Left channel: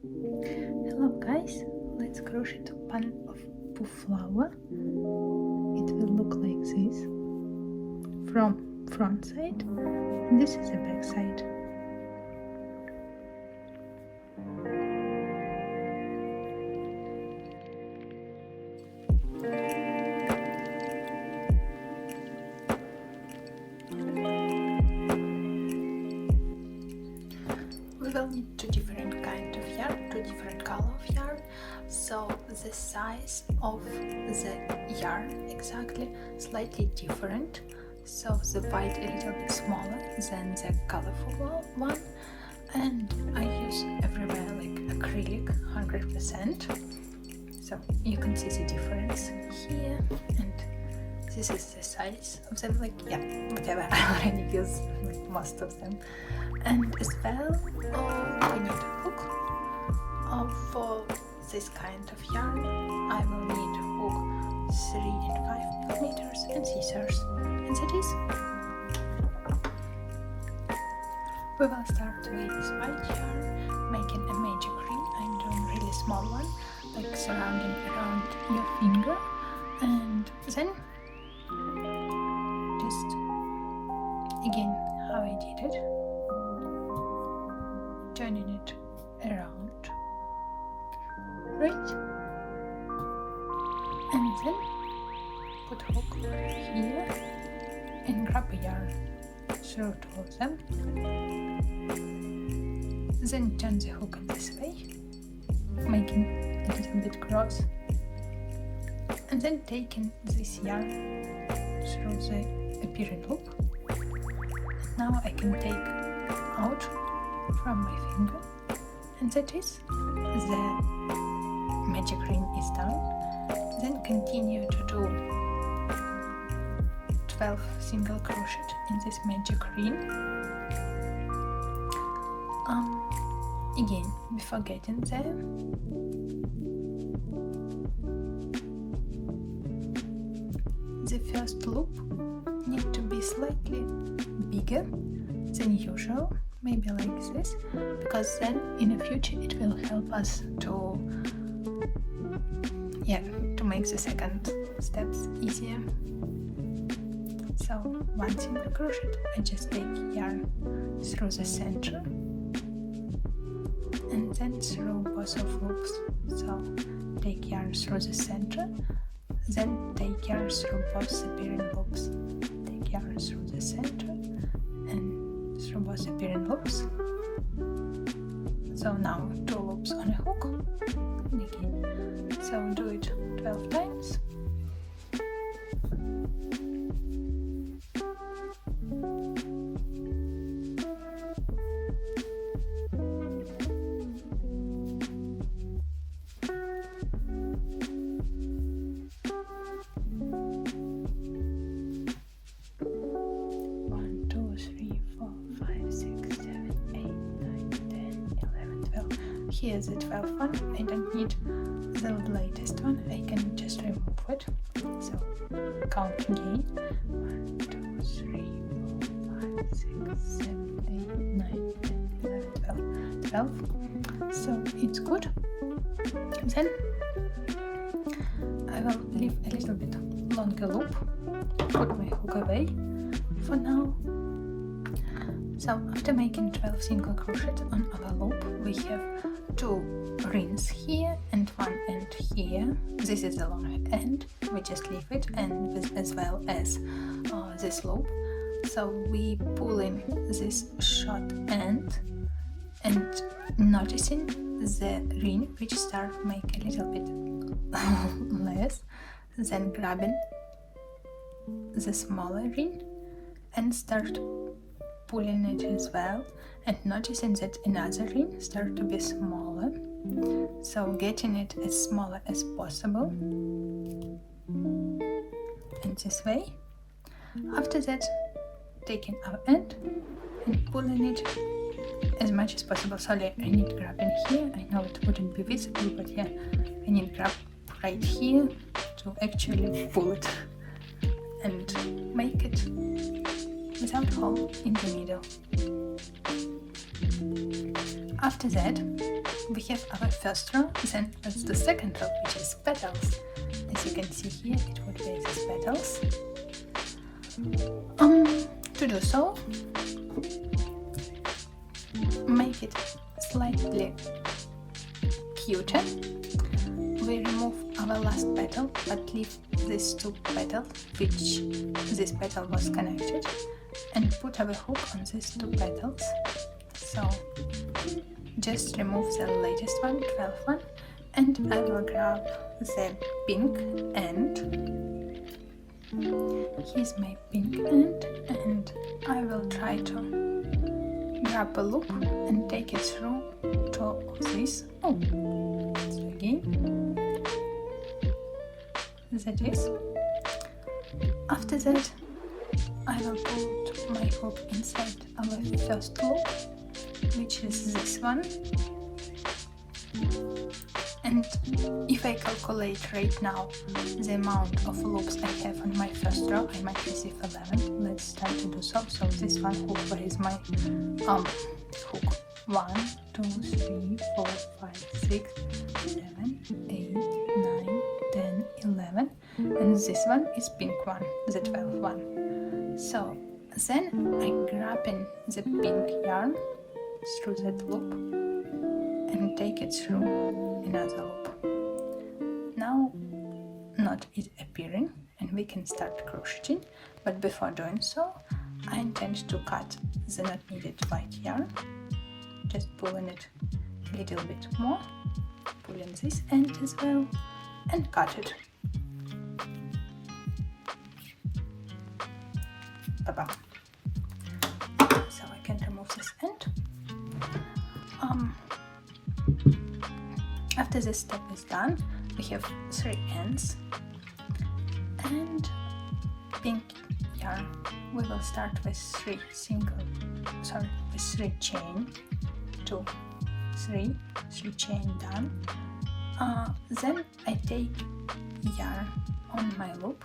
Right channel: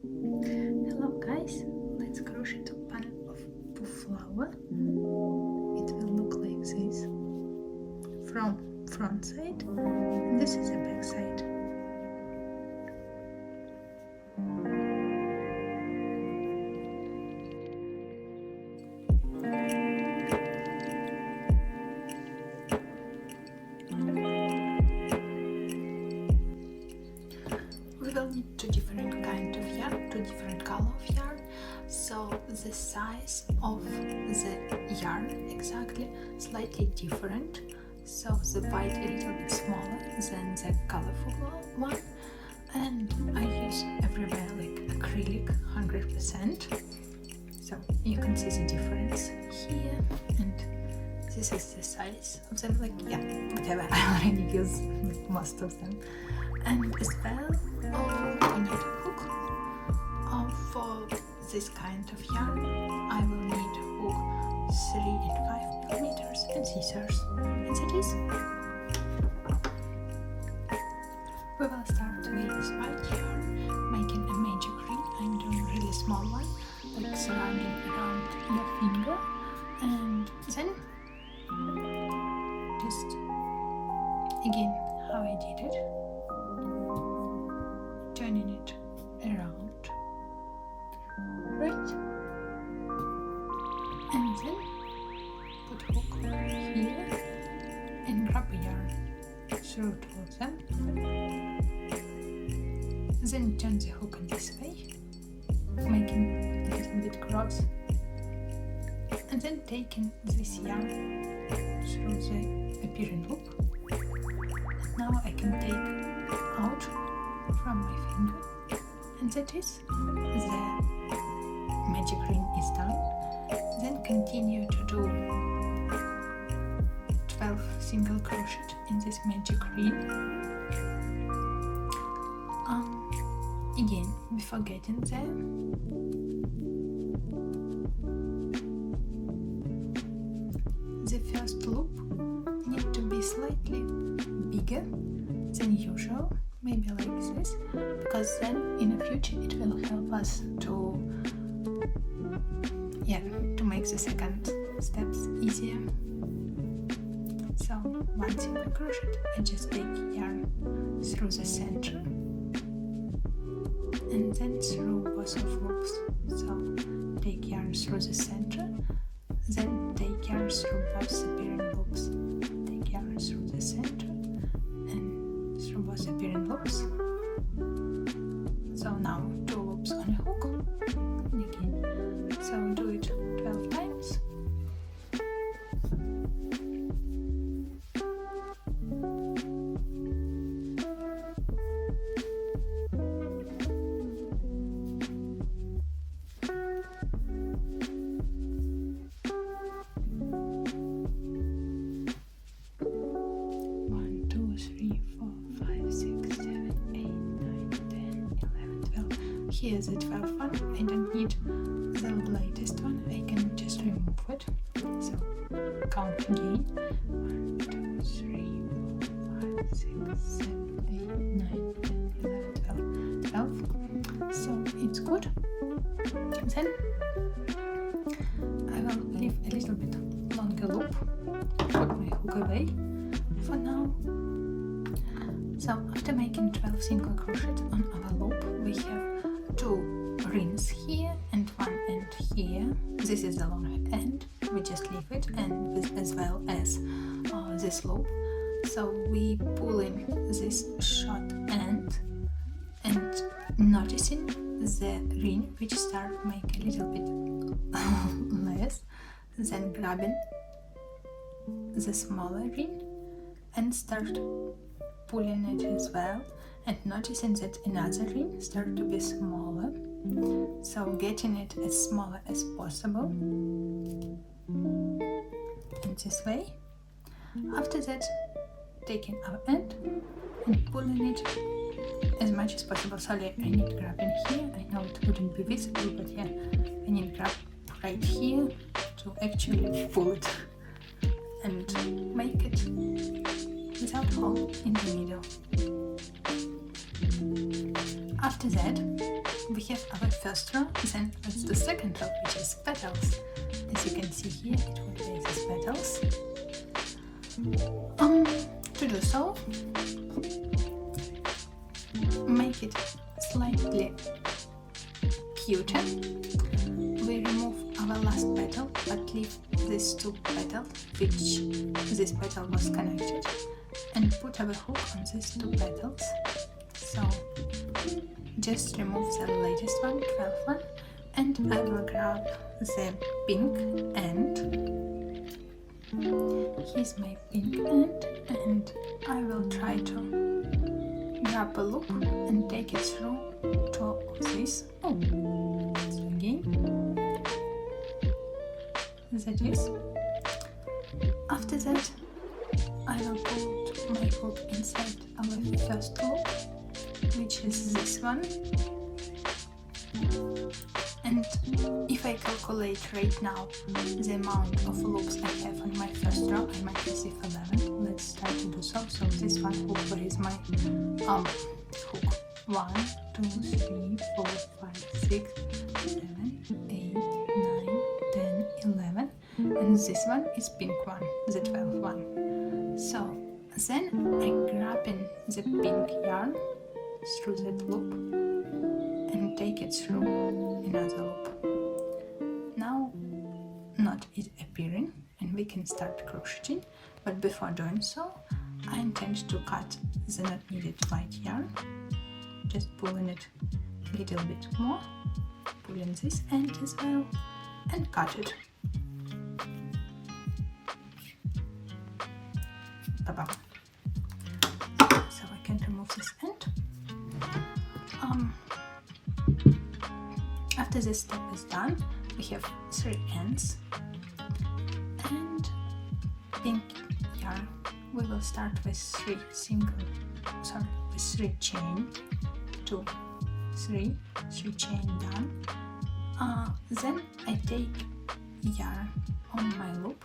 Hello guys, let's crochet a pan of poof flower. It will look like this from front side, and this is the back side. We will need two different kind of yarn, two different color of yarn, so the size of the yarn exactly slightly different. So the white a little bit smaller than the colorful one, and I use everywhere like acrylic 100%. So you can see the difference here, and this is the size of them. Like whatever, I already use most of them. And as well, we need a hook. For this kind of yarn, I will need hook 3 and 5 millimeters and scissors. And that is. We will start with this white yarn, making a magic ring. I'm doing a really small one, like surrounding around your finger, and then just again how I did it, turning it around, right, and then put a hook here and grab a yarn, throw it towards them, then turn the hook in this way, making a little bit cross, and then taking this yarn through the appearing loop. And now I can take out from my finger, and that is the magic ring is done. Then continue to do 12 single crochet in this magic ring. Again, before getting there, the first loop needs to be slightly bigger than usual, maybe like this, because then in the future it will help us to make the second steps easier. So once in the crochet, I just take yarn through the center and then through both of loops. So take yarn through the center, then take yarn through both appearing loops, take yarn through the center and through both appearing loops. So now 2 loops on a hook, and again, so do it 12 times. Here's the 12th one. I don't need the latest one. I can just remove it. So count again. 1, 2, 3, 4, 5, 6, 7, 8, 9, 10, 11, 12. So it's good. Then I will leave a little bit longer loop. Put my hook away for now. So after making 12 single crochet on our loop, we have 2 rings here and 1 end here. This is the long end, we just leave it, and as well as this loop. So we pull in this short end and noticing the ring which start make a little bit less, then grabbing the smaller ring and start pulling it as well, and noticing that another ring start to be smaller, so getting it as smaller as possible in this way. After that, taking our end and pulling it as much as possible. Sorry, I need grabbing here, I know it wouldn't be visible, but I need grab right here to actually pull it and make it without hole in the middle. After that, we have first row, then that's the second row, which is petals. As you can see here, it would be these petals. To do so, make it slightly cuter. We remove our last petal, but leave these two petals, which this petal was connected, and put our hook on these two petals. So just remove the latest one, 12th one, and I will grab the pink end. Here's my pink end, and I will try to grab a loop and take it through to this. So again, that is. After that, I will put my hook inside our first loop, which is this one. And if I calculate right now the amount of loops I have on my first row, I might receive 11. Let's start to do so. So this one over is my hook. 1, 2, 3, 4, 5, 6, 7, 8, 9, 10, 11. And this one is pink one, the 12th one. So then I grab in the pink yarn through that loop and take it through another loop. Now knot is appearing and we can start crocheting, but before doing so, I intend to cut the not needed white yarn, just pulling it a little bit more, pulling this end as well, and cut it. Bye-bye. So I can remove this end. After this step is done, we have 3 ends and pink yarn. We will start with 3 chain, 2, 3 chain down. Then I take yarn on my loop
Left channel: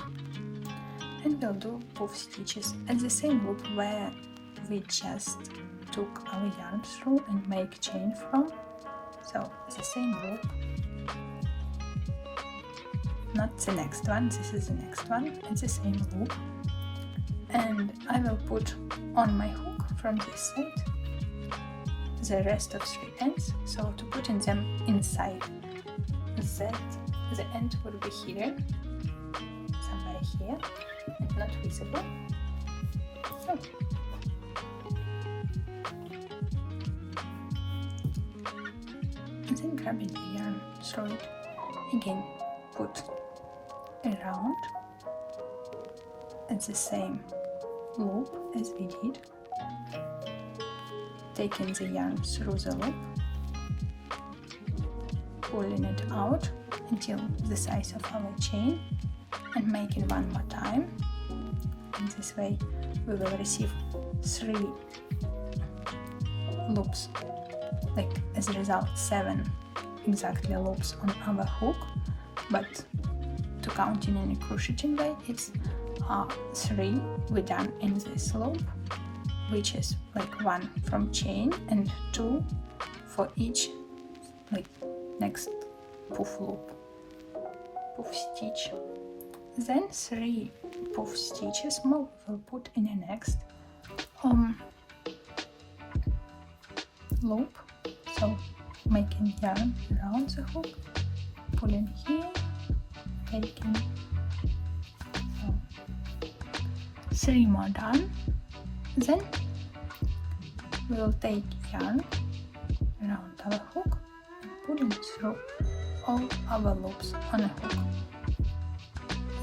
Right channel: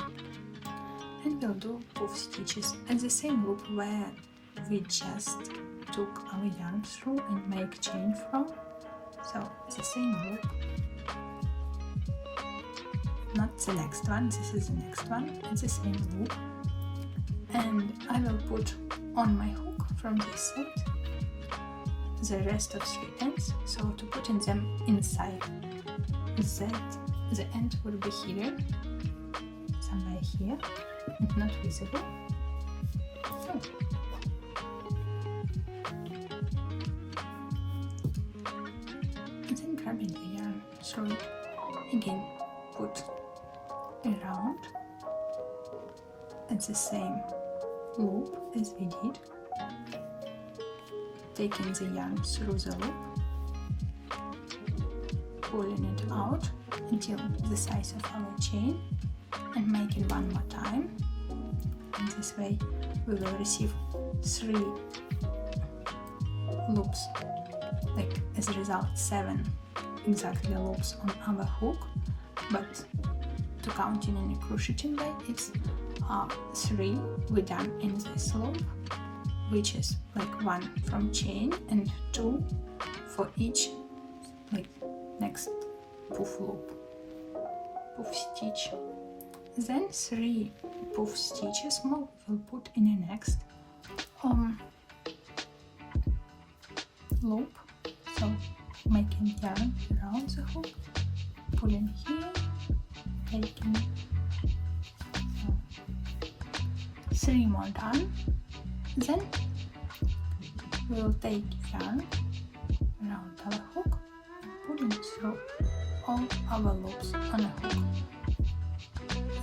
and we'll do puff stitches at the same loop where we just took our yarn through and make chain from. So it's the same loop, not the next one, this is the next one, it's the same loop, and I will put on my hook from this side the rest of 3 ends, so to put in them inside that, the end will be here, somewhere here, and not visible. So grabbing the yarn, throw it again, put around at the same loop as we did, taking the yarn through the loop, pulling it out until the size of our chain, and make it one more time. And this way we will receive 3 loops, like as a result 7 exactly loops on our hook, but to count in any crocheting way, it's 3 we done in this loop, which is like 1 from chain and 2 for each like next puff loop, puff stitch. Then 3 puff stitches more we'll put in the next loop. So making yarn around the hook, pulling here, taking 3 more done. Then we'll take yarn around our hook, pulling through all our loops on a hook,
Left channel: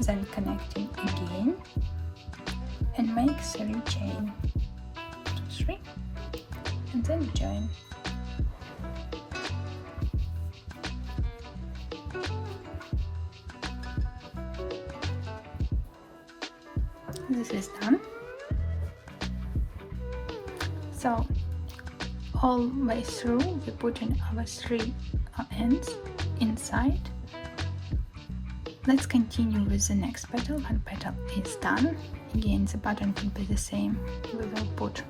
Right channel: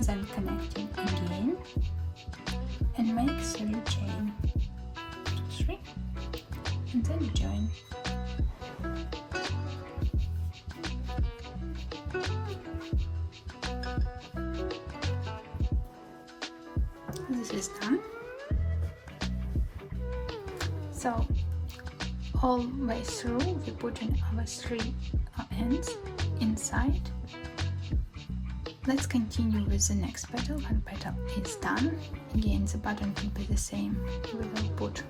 then connecting again and make 3 chain, 2, 3, and then join. This is done. So all the way through we put in our 3 ends inside. Let's continue with the next petal. One petal is done. Again the pattern will be the same. We will put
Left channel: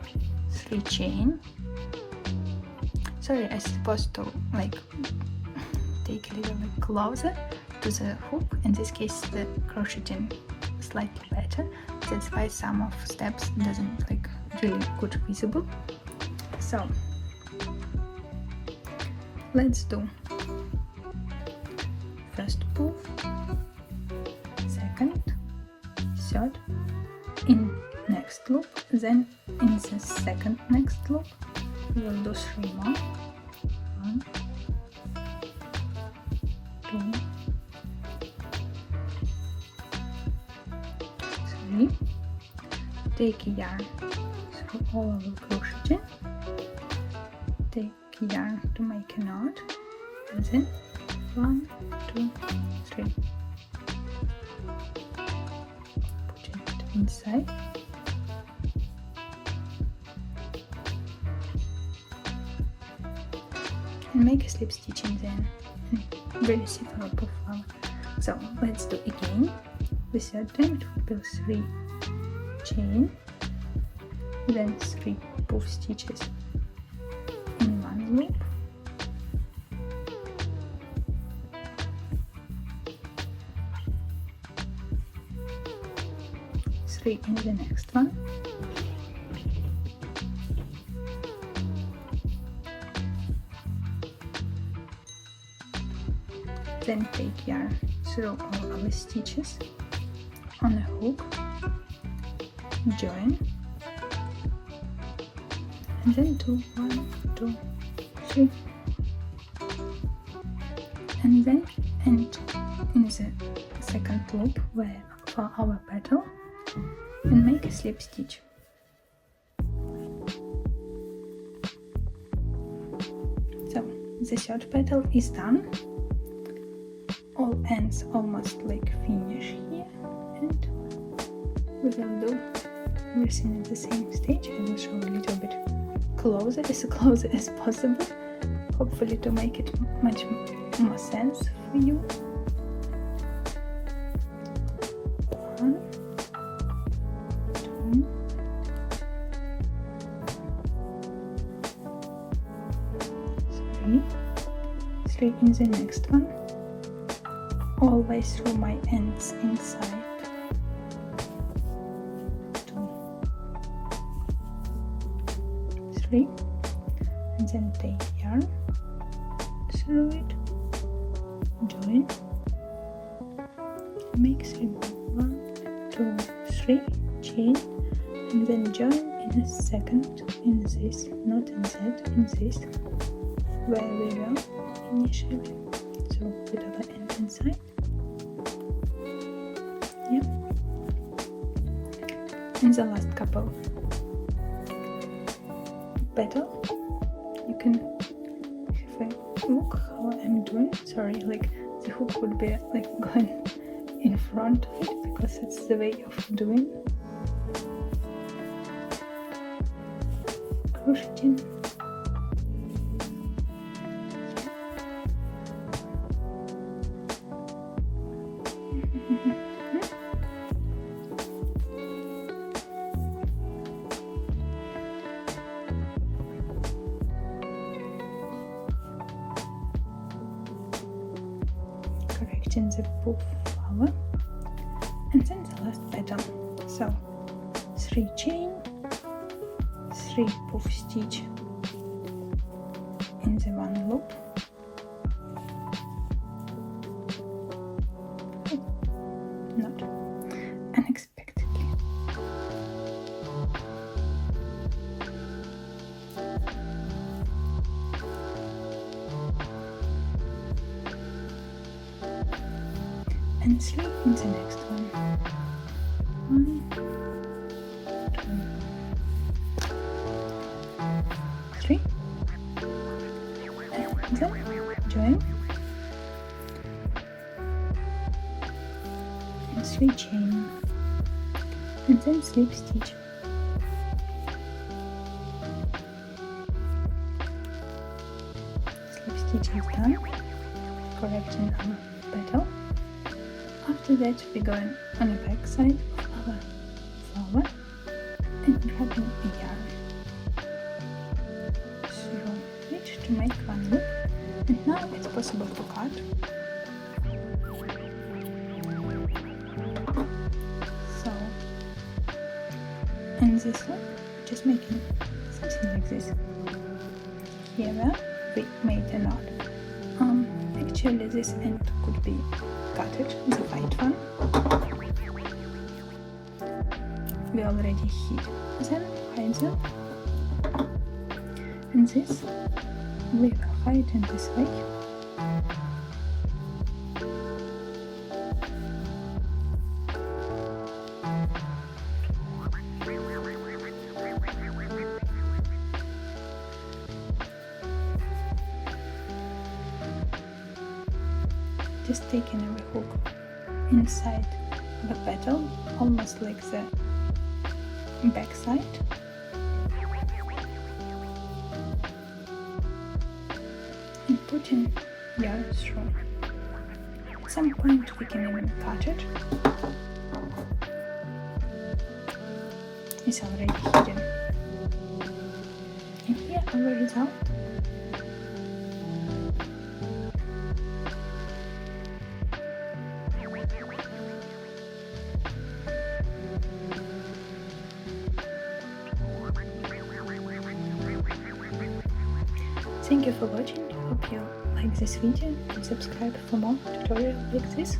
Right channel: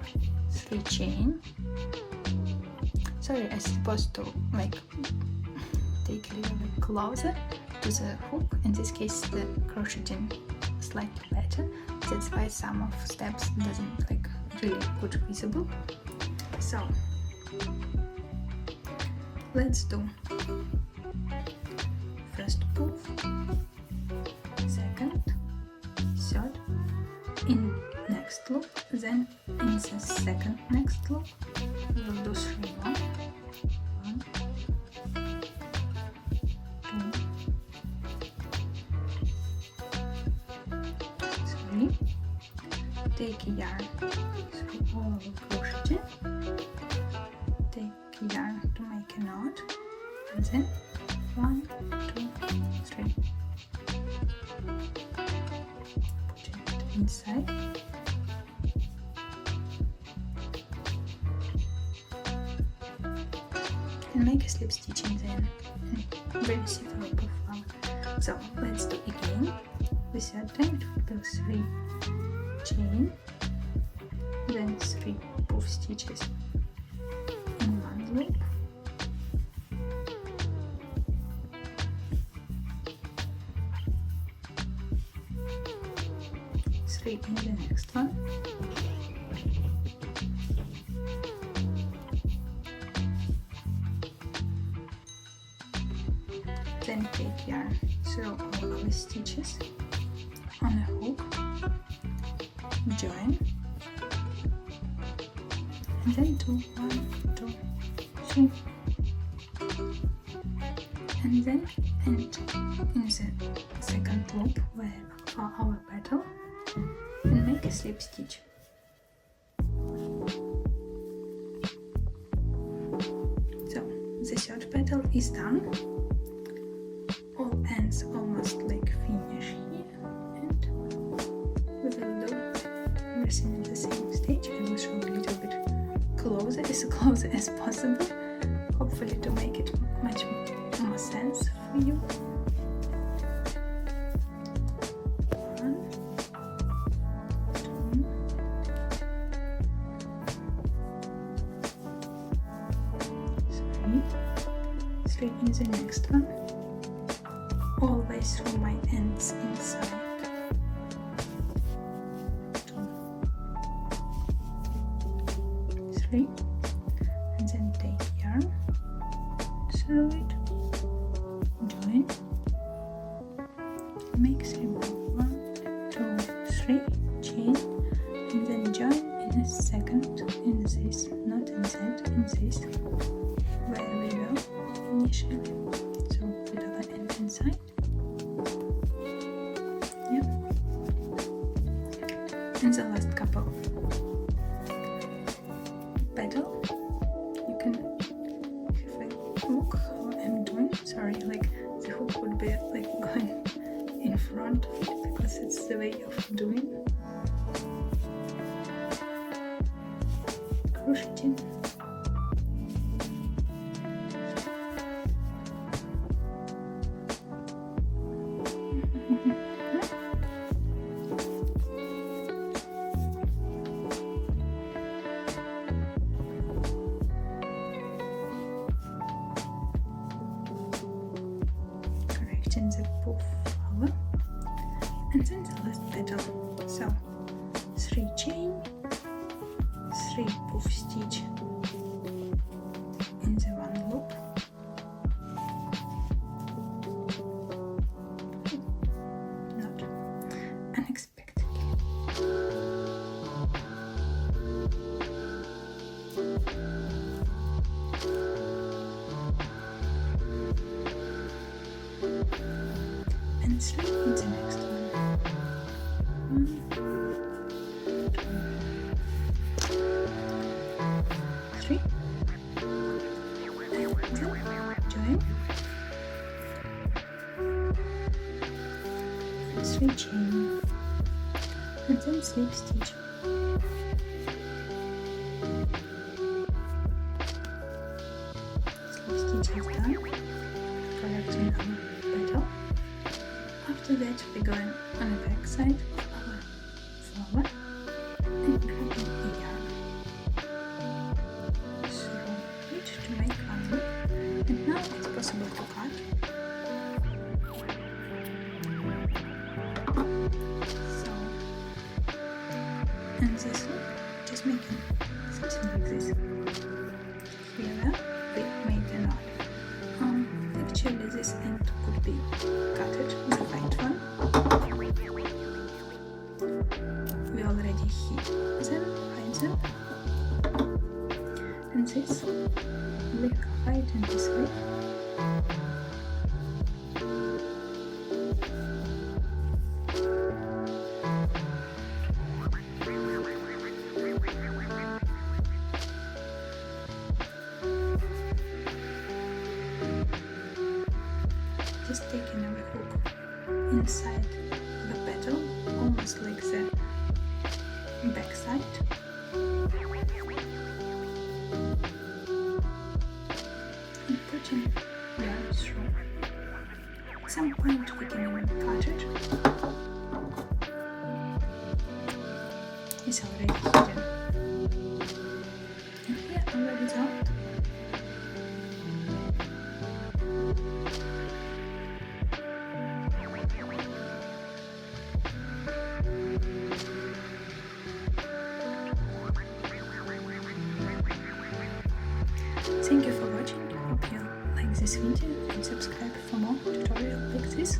3 chain. Sorry, I'm supposed to like closer to the hook. In this case, the crocheting slightly better. That's why some of steps doesn't like really good visible. So let's do first puff, second, third, in next loop, then in the second next loop we'll do 3 more. 1, 2, 3. Take yarn through all crochet. Take yarn to make a knot, and then 1, 2, 3. Put it inside. And make a slip stitch in there. Very simple profile. So let's do again. The third time pull 3 chain, then 3 puff stitches in one loop. Three in the next one. Then take yarn through all of the stitches on a hook, join, and then do 1, 2, 3, and then end in the second loop where for our petal and make a slip stitch. So the third petal is done. All ends almost like finish here, and we will do everything at the same stage. I will show a little bit closer as possible, hopefully to make it much more sense for you. 1, 2, 3 in the next one. Always through my ends inside. 2, 3, and then take yarn through it, join, make 3 more. 1, 2, 3, chain, and then join in a second in this, not in that, in this, where we were initially. So put our end inside. And the last couple petal, you can have a look how I'm doing. Sorry, like the hook would be like going in front of it because it's the way of doing crocheting. In the puff flower, and then the last petal. So 3 chain, 3 puff stitch in the one loop, not unexpectedly. And 3 in the next one. 1, 2, 3. And then join. And 3 chain. And then slip stitch. Slip stitch is done. Collecting our petal. After that, we're going on the back side of our flower and grabbing a yarn through it to make one loop. And now it's possible to cut And this one, just making something like this. Here we made a knot. Actually this end could be cutted, the white one. We already hid them, hide them. And this we hide in this way. Just taking a hook inside the petal, almost like the back side. And putting yarn through. At some point we can even cut it. It's already hidden. And here the result. Thank you for watching. Hope you like this video and subscribe for more tutorials like this.